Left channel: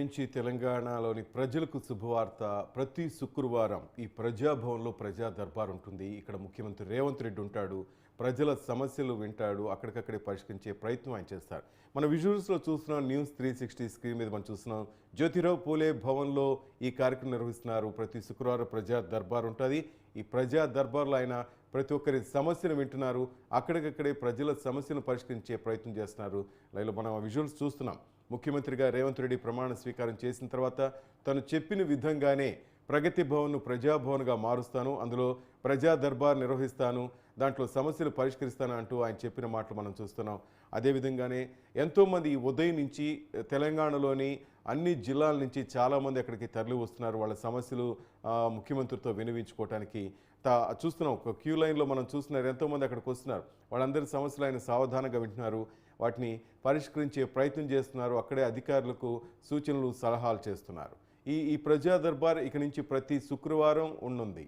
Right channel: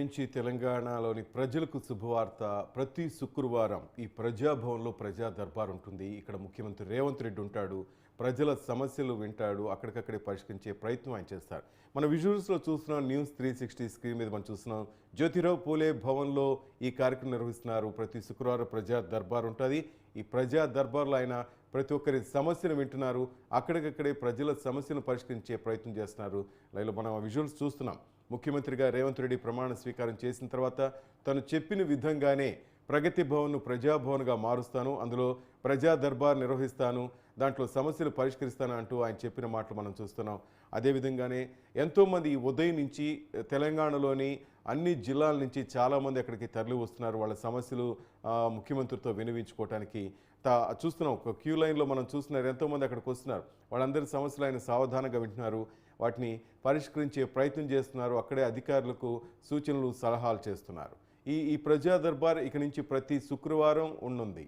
నుంచి తెలంగాణలోని ప్రజలకు శుభవార్త. ప్రతి శుక్రవారం ఈ ప్రజాభవన్లో ప్రజా దర్బార్ ఉంటుంది. ఇక్కడ ముఖ్యమంత్రి రేవంత్ రెడ్డి ఉంటాడు. ప్రజల సమస్యలు వింటాడు. అక్కడికక్కడే పరిష్కరించే ప్రయత్నం ఆయన చేస్తారు. మన విజువల్స్లో చూస్తున్నాం న్యూస్ త్రీ సిక్స్టీ స్క్రీన్ మీద మనం చూస్తున్నాం. జ్యోతిరావు పూలే భవన్లో ఈ కార్యక్రమం నిర్వహిస్తున్నారు. ప్రతి శుక్రవారం ప్రజా దర్బార్ ఉంటుంది. ఈ ప్రజా దర్బార్లో ఆయన ప్రతి ఒక్కరి సమస్యను వింటున్నారు. అక్కడికక్కడే ప్రజల సమస్యను పరిష్కరించే ప్రయత్నం చేస్తున్నారు. లైలో మనం ఆ విజువల్స్ చూస్తున్నాం. ముఖ్యమంత్రిగా రేవంత్ రెడ్డి ప్రమాణ స్వీకారం చేసిన తర్వాత తను చెప్పిన విధంగానే ప్రగతి భవన్ను ప్రజాభవన్గా మారుస్తాను. అందులో ప్రజా దర్బార్ నిర్వహిస్తాను. దాంట్లో సమస్యలు పరిష్కరిస్తాను అంటూ ఆయన చెప్పిన మాటలు మనం చూస్తున్నాం. అదేవిధంగానే ఎంతోమంది ఈ ఉదయం నుంచి తెలంగాణలోని అన్ని జిల్లాల నుంచి చాలామంది అక్కడికి తరలి వస్తున్నారు. వాళ్ళ సమస్యలు ముఖ్యమంత్రితో వినిపించుకోవడానికి తా చూస్తున్నాం ఒక క్యూ లైన్లో మనం చూస్తున్నారు ఎంతోమంది అక్కడికి వస్తున్నారు. వాళ్ళందరి సమస్యలు ఆయన సావధానంగా వింటున్నారు. వాటిని పరిష్కరించే ప్రయత్నం చేస్తున్నారు. అక్కడే అధికారులకు సూచనలు సలహాలు చేస్తున్నారు. ఈ ఈ ప్రజా దర్బార్ ఇక నుంచి ప్రతి శుక్రవారం ఉండనుంది